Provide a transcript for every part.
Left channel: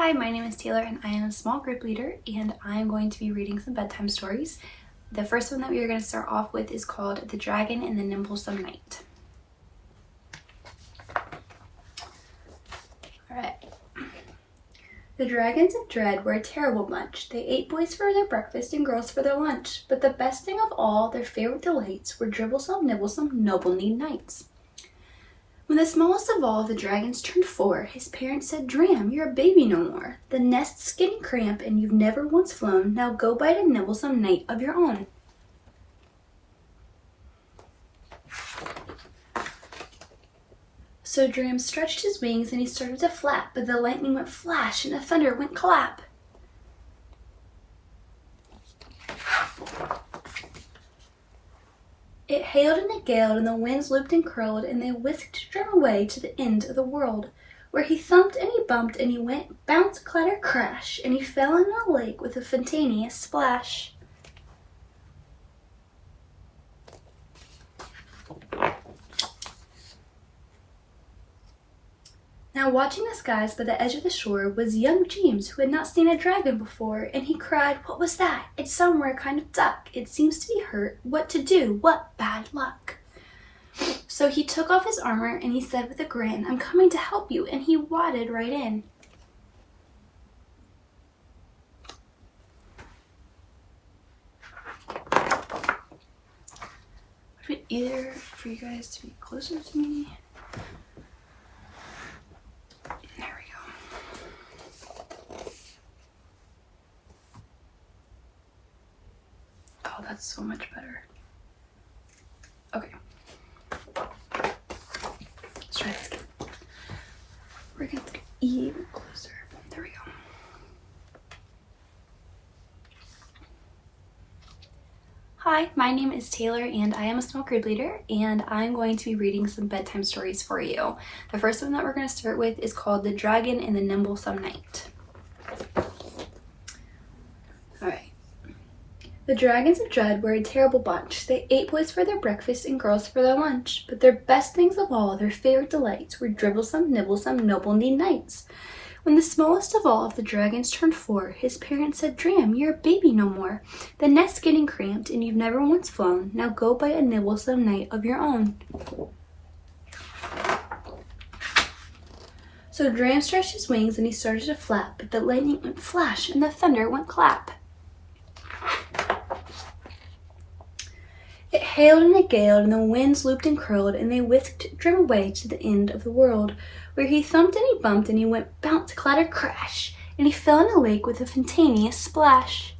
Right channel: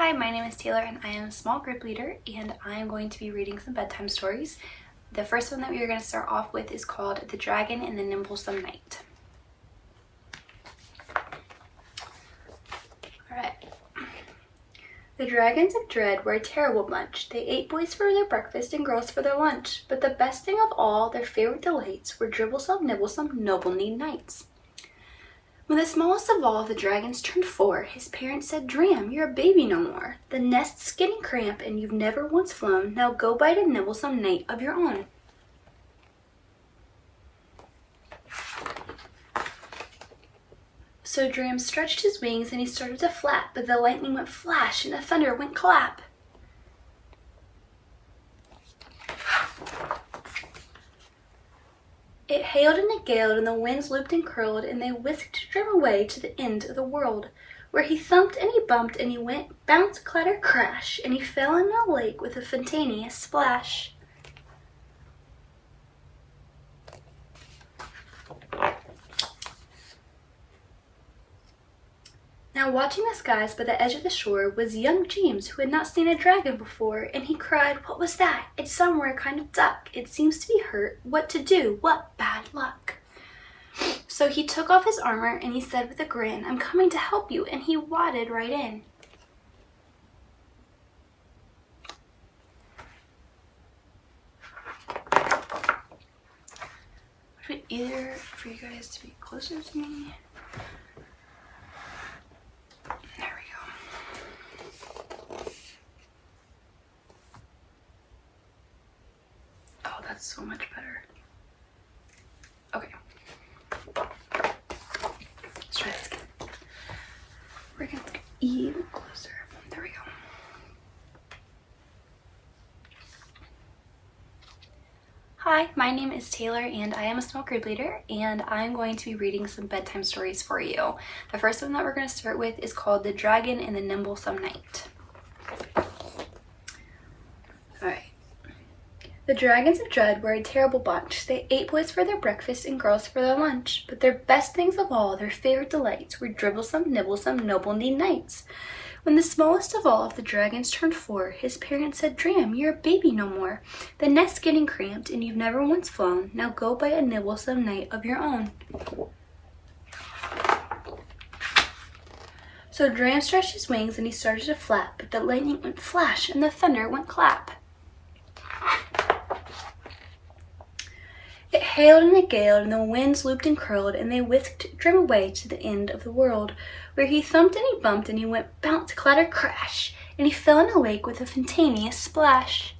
Hi, my name is Taylor and I am a small group leader and I am going to be reading some bedtime stories. The first one that we are going to start off with is called The Dragon and the Nimblesome Knight. Alright. The dragons of dread were a terrible bunch. They ate boys for their breakfast and girls for their lunch. But the best thing of all, their favorite delights, were dribblesome, nibblesome, noble-kneed knights. When the smallest of all the dragons turned 4, his parents said, "Dram, you're a baby no more. The nest's getting cramped and you've never once flown. Now go bite a nibblesome knight of your own." So Dram stretched his wings and he started to flap, but the lightning went flash and the thunder went clap. It hailed and it galed, and the winds looped and curled, and they whisked Drum away to the end of the world, where he thumped and he bumped, and he went bounce, clatter, crash, and he fell in a lake with a fantaneous splash. Now watching the skies by the edge of the shore was young James, who had not seen a dragon before, and he cried, "What was that? It's some rare kind of duck. It seems to be hurt. What to do? What bad luck?" So he took off his armor and he said with a grin, "I'm coming to help you," and he wadded right in. Would it be easier for you guys to be closer to me? There we go. Oh, that's so much better. Okay. Let's try this again. We're gonna get even closer. There we go. Hi, my name is Taylor and I am a small group leader and I'm going to be reading some bedtime stories for you. The first one that we're going to start with is called The Dragon and the Nimblesome Knight. Alright. The dragons of dread were a terrible bunch. They ate boys for their breakfast and girls for their lunch. But their best things of all, their favorite delights, were dribblesome, nibblesome, noble-kneed knights. When the smallest of all of the dragons turned 4, his parents said, "Dram, you're a baby no more. The nest's getting cramped and you've never once flown. Now go bite a nibblesome knight of your own." So Dram stretched his wings and he started to flap, but the lightning went flash and the thunder went clap. It hailed and it galed, and the winds looped and curled, and they whisked Drum away to the end of the world, where he thumped and he bumped, and he went bounce, clatter, crash, and he fell in a lake with a fantaneous splash.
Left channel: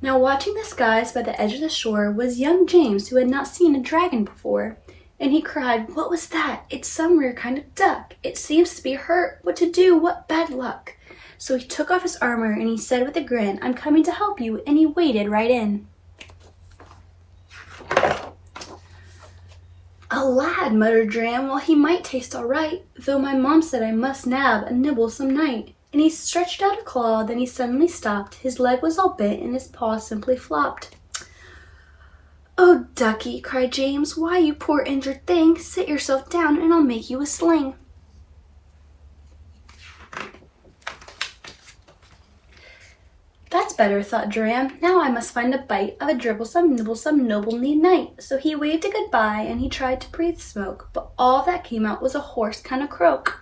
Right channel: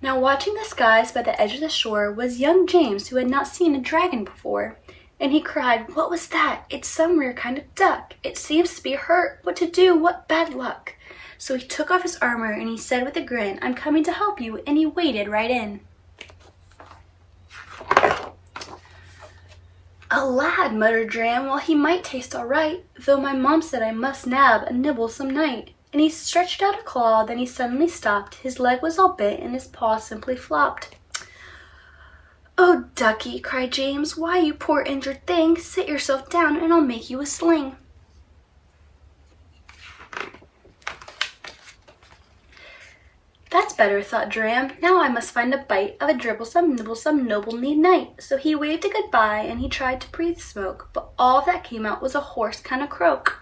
Now watching the skies by the edge of the shore was young James, who had not seen a dragon before, and he cried, "What was that? It's some rare kind of duck. It seems to be hurt. What to do? What bad luck?" So he took off his armor and he said with a grin, "I'm coming to help you," and he waded right in. "A lad," muttered Dram, "well, he might taste all right, though my mom said I must nab a nibblesome knight." And he stretched out a claw, then he suddenly stopped. His leg was all bent and his paw simply flopped. "Oh, ducky," cried James, "why, you poor injured thing, sit yourself down and I'll make you a sling." "That's better," thought Dram. "Now I must find a bite of a dribblesome, nibblesome, noble-kneed knight." So he waved a goodbye and he tried to breathe smoke, but all that came out was a hoarse kind of croak.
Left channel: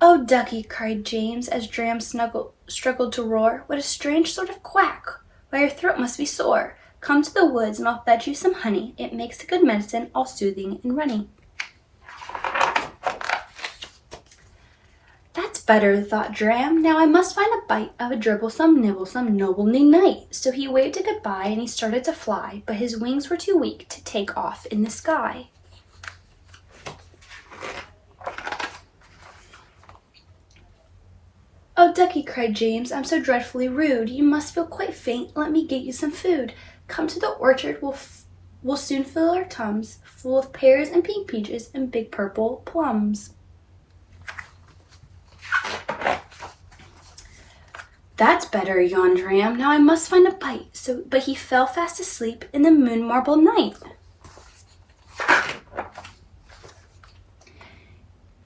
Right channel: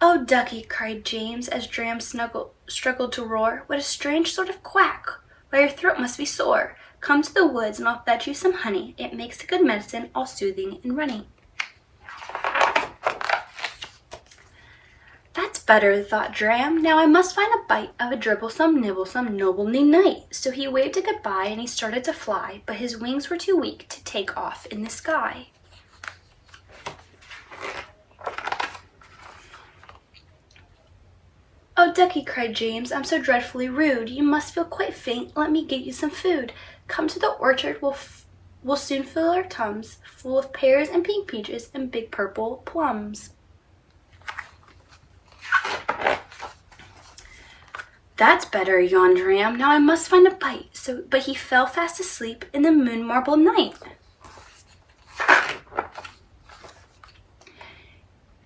"Oh, ducky," cried James as Dram struggled to roar, "what a strange sort of quack! Why, your throat must be sore. Come to the woods and I'll fetch you some honey. It makes a good medicine, all soothing and runny." "That's better," thought Dram. "Now I must find a bite of a dribblesome, nibblesome, noble-kneed knight." So he waved a goodbye and he started to fly, but his wings were too weak to take off in the sky. "Oh, ducky," cried James, "I'm so dreadfully rude. You must feel quite faint. Let me get you some food. Come to the orchard, we'll soon fill our tums, full of pears and pink peaches and big purple plums." "That's better," yawned Dram. "Now I must find a bite." But he fell fast asleep in the moon marble night.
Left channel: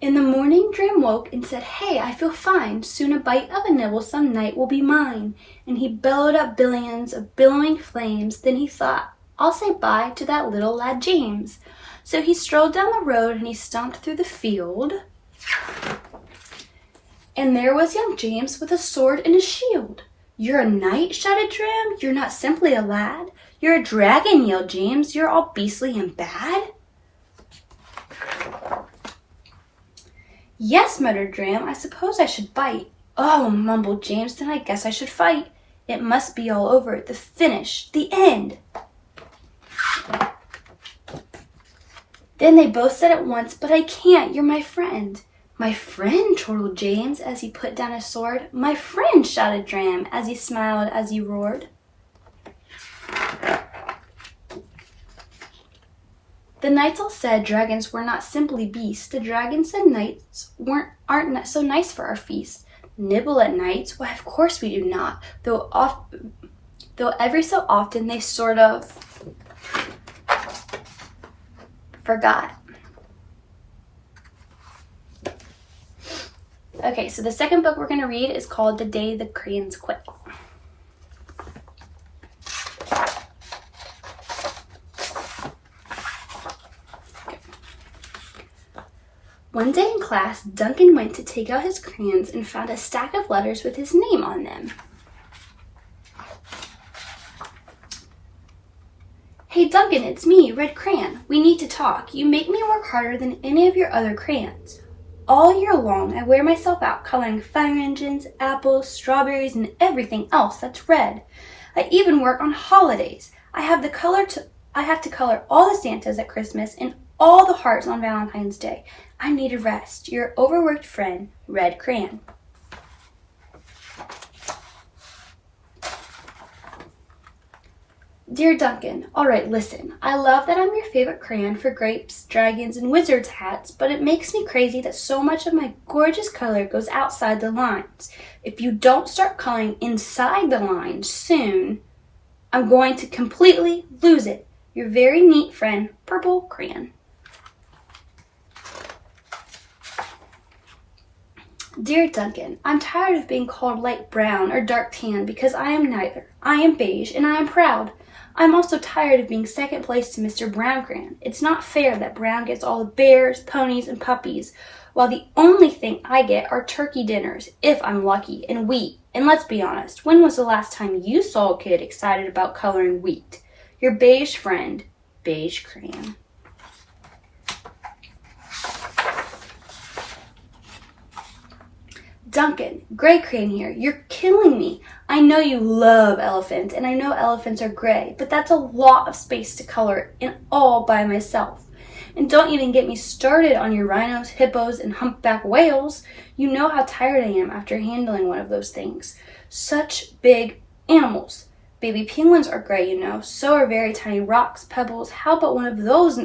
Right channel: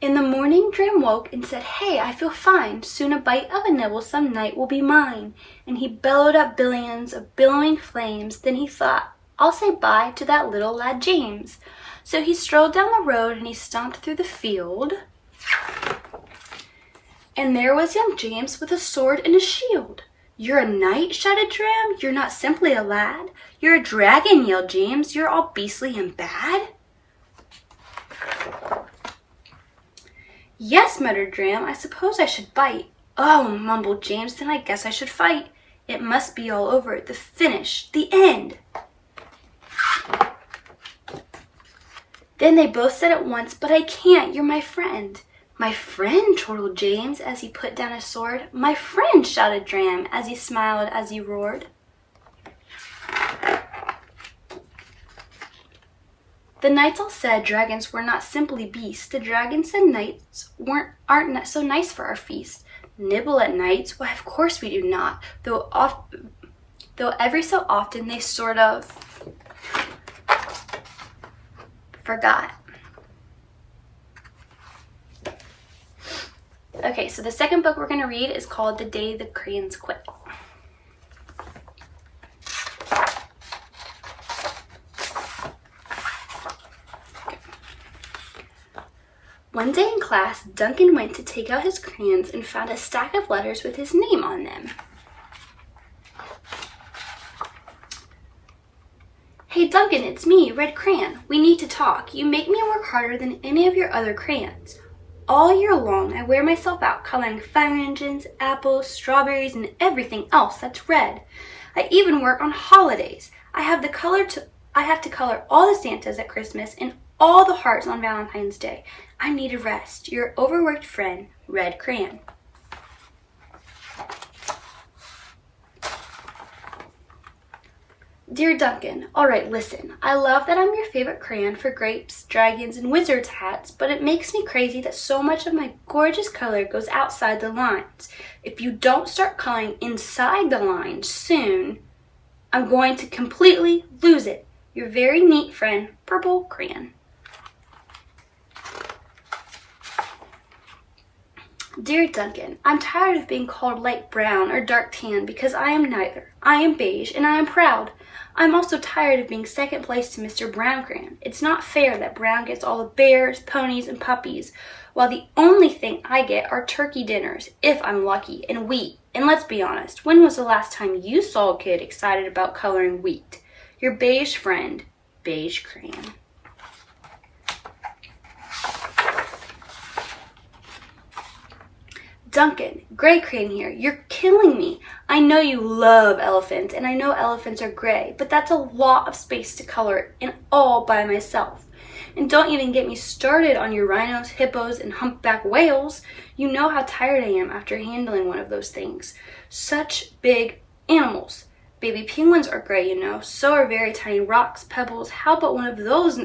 In the morning, Dram woke and said, "Hey, I feel fine. Soon a bite of a nibblesome night will be mine." And he bellowed up billions of billowing flames. Then he thought, "I'll say bye to that little lad James." So he strolled down the road and he stomped through the field. And there was young James with a sword and a shield. "You're a knight?" shouted Dram. "You're not simply a lad. You're a dragon," yelled James. "You're all beastly and bad." "Yes," muttered Dram, "I suppose I should bite." "Oh," mumbled James, "then I guess I should fight. It must be all over, the finish, the end." Then they both said at once, "But I can't, you're my friend." "My friend?" chortled James as he put down his sword. "My friend," shouted Dram as he smiled as he roared. The knights all said dragons were not simply beasts. The dragons said knights aren't so nice for our feast. Nibble at nights? Why, of course we do not, though every so often they sort of forgot. Okay, so the second book we're going to read is called The Day the Crayons Quit. One day in class, Duncan went to take out his crayons and found a stack of letters with his name on them. "Hey Duncan, it's me, Red Crayon. We need to talk. You make me work harder than any of your other crayons. All year long, I wear myself out coloring fire engines, apples, strawberries, and everything else that's red. I even work on holidays. I have to color all the Santas at Christmas and all the hearts on Valentine's Day. I need a rest. Your overworked friend, Red Crayon." Dear Duncan, all right, listen. I love that I'm your favorite crayon for grapes, dragons, and wizards' hats, but it makes me crazy that so much of my gorgeous color goes outside the lines. If you don't start coloring inside the lines soon, I'm going to completely lose it. Your very neat friend, Purple Crayon. Dear Duncan, I'm tired of being called light brown or dark tan because I am neither. I am beige and I am proud. I'm also tired of being second place to Mr. Brown Crayon. It's not fair that Brown gets all the bears, ponies, and puppies, while the only thing I get are turkey dinners, if I'm lucky, and wheat. And let's be honest, when was the last time you saw a kid excited about coloring wheat? Your beige friend, Beige Crayon. Duncan, Gray Crayon here. You're killing me. I know you love elephants, and I know elephants are gray, but that's a lot of space to color in all by myself. And don't even get me started on your rhinos, hippos, and humpback whales. You know how tired I am after handling one of those things. Such big animals. Baby penguins are gray, you know. So are very tiny rocks, pebbles. How about one of those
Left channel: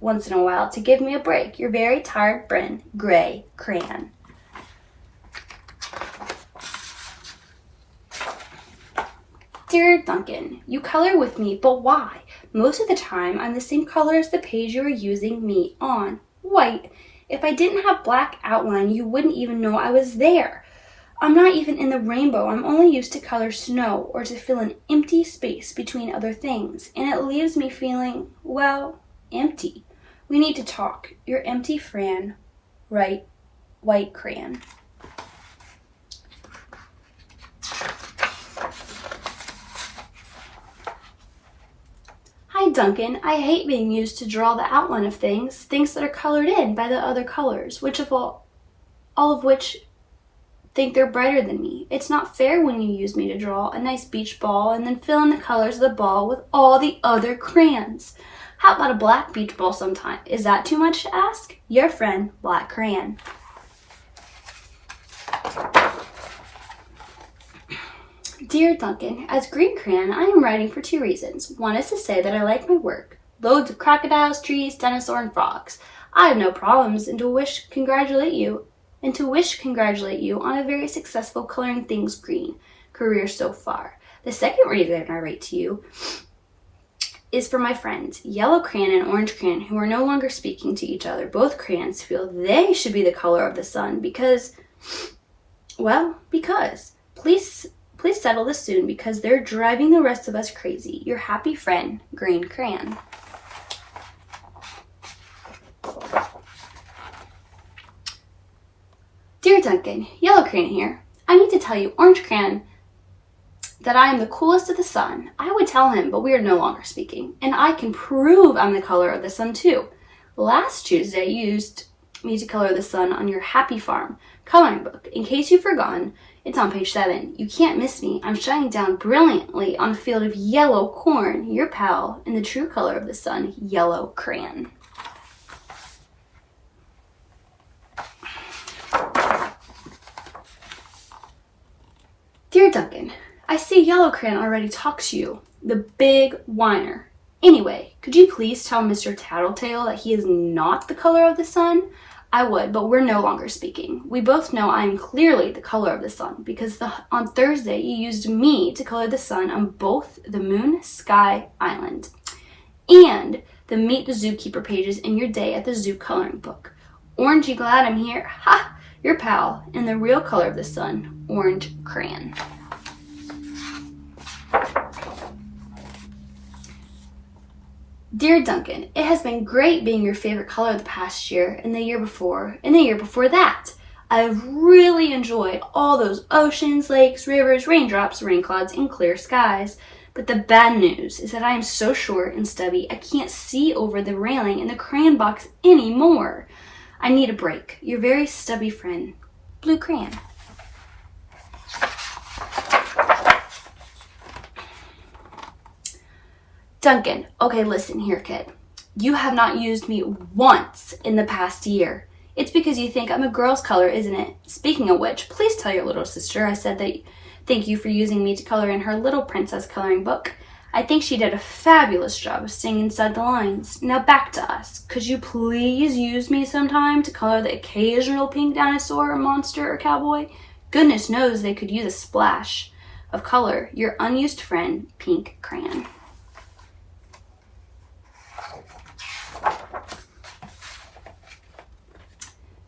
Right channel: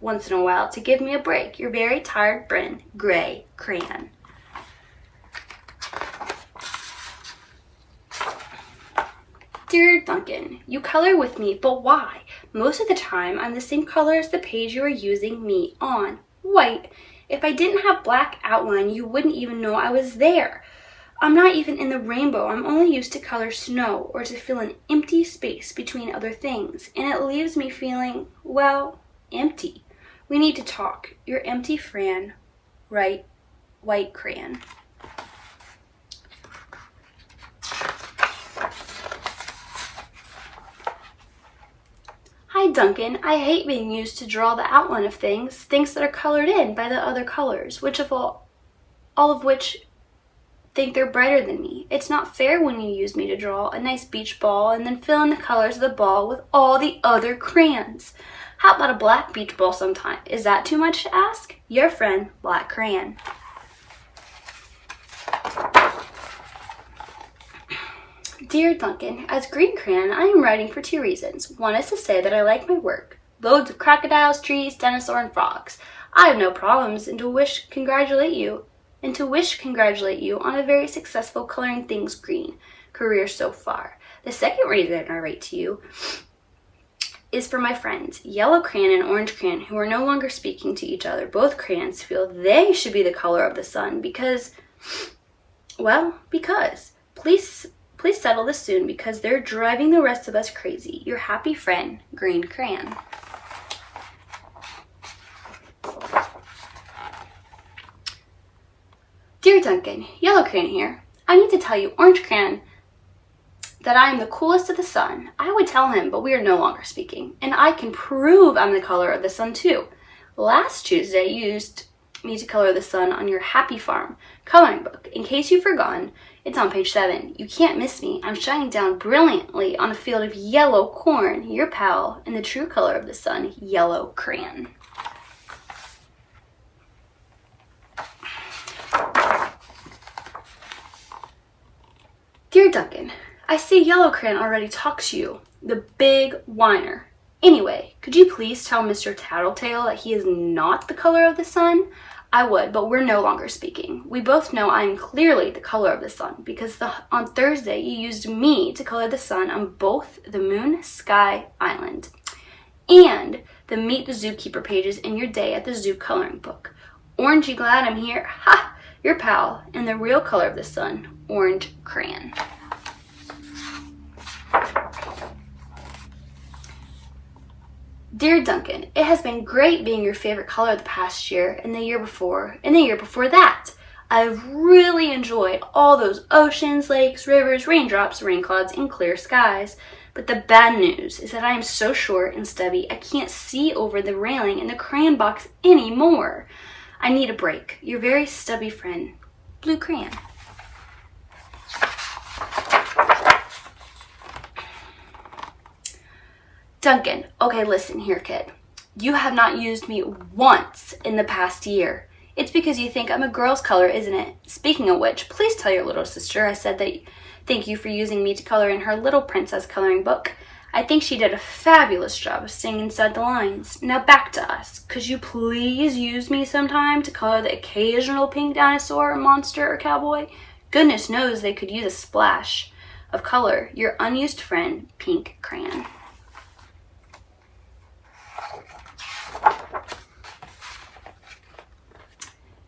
once in a while to give me a break? Your very tired friend, Gray Crayon. Dear Duncan, you color with me, but why? Most of the time, I'm the same color as the page you are using me on, white. If I didn't have black outline, you wouldn't even know I was there. I'm not even in the rainbow. I'm only used to color snow or to fill an empty space between other things, and it leaves me feeling, well, empty. We need to talk. Your empty friend, right? White Crayon. Hi Duncan, I hate being used to draw the outline of things that are colored in by the other colors, all of which think they're brighter than me. It's not fair when you use me to draw a nice beach ball and then fill in the colors of the ball with all the other crayons. How about a black beach ball sometime? Is that too much to ask? Your friend, Black Crayon. Dear Duncan, as Green Crayon, I am writing for 2 reasons. One is to say that I like my work. Loads of crocodiles, trees, dinosaurs, and frogs. I have no problems, and to wish congratulate you on a very successful coloring things green career so far. The second reason I write to you is for my friends, Yellow Crayon and Orange Crayon, who are no longer speaking to each other. Both crayons feel they should be the color of the sun because, Please settle this soon because they're driving the rest of us crazy. Your happy friend, Green Crayon. Dear Duncan, Yellow Crayon here. I need to tell you, Orange Crayon, that I am the coolest of the sun. I would tell him, but we are no longer speaking. And I can prove I'm the color of the sun too. Last Tuesday, you used me to color the sun on your Happy Farm coloring book. In case you've forgotten, it's on page 7. You can't miss me. I'm shining down brilliantly on a field of yellow corn, your pal, in the true color of the sun, Yellow Crayon. Dear Duncan, I see Yellow Crayon already talks to you, the big whiner. Anyway, could you please tell Mr. Tattletale that he is not the color of the sun? I would, but we're no longer speaking. We both know I am clearly the color of the sun because on Thursday you used me to color the sun on both the Moon Sky Island and the Meet the Zookeeper pages in your day at the zoo coloring book. Orange, you glad I'm here? Ha! Your pal, and the real color of the sun, Orange Crayon. Dear Duncan, it has been great being your favorite color the past year and the year before that. I've really enjoyed all those oceans, lakes, rivers, raindrops, rain clouds, and clear skies. But the bad news is that I am so short and stubby I can't see over the railing in the crayon box anymore. I need a break. Your very stubby friend, Blue Crayon. Duncan, okay, listen here, kid. You have not used me once in the past year. It's because you think I'm a girl's color, isn't it? Speaking of which, please tell your little sister I said that thank you for using me to color in her little princess coloring book. I think she did a fabulous job of staying inside the lines. Now back to us. Could you please use me sometime to color the occasional pink dinosaur, monster, or cowboy? Goodness knows they could use a splash of color. Your unused friend, Pink Crayon.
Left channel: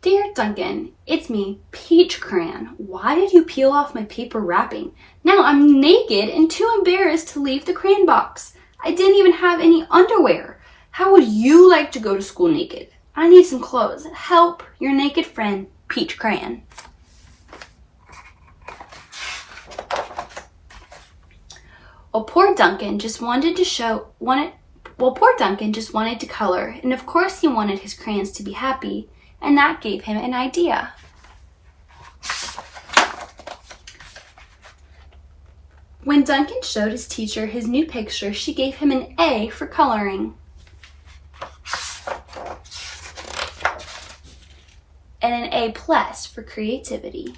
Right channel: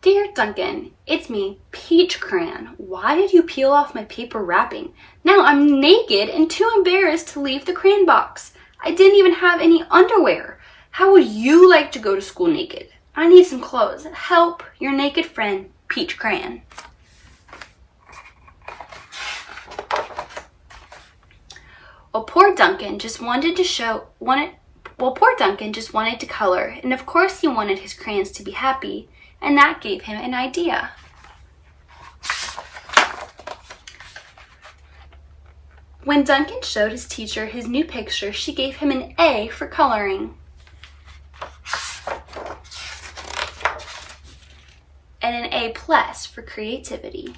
Dear Duncan, it's me, Peach Crayon. Why did you peel off my paper wrapping? Now I'm naked and too embarrassed to leave the crayon box. I didn't even have any underwear. How would you like to go to school naked? I need some clothes. Help, your naked friend, Peach Crayon. Poor Duncan just wanted to color, and of course he wanted his crayons to be happy. And that gave him an idea. When Duncan showed his teacher his new picture, she gave him an A for coloring and an A+ for creativity.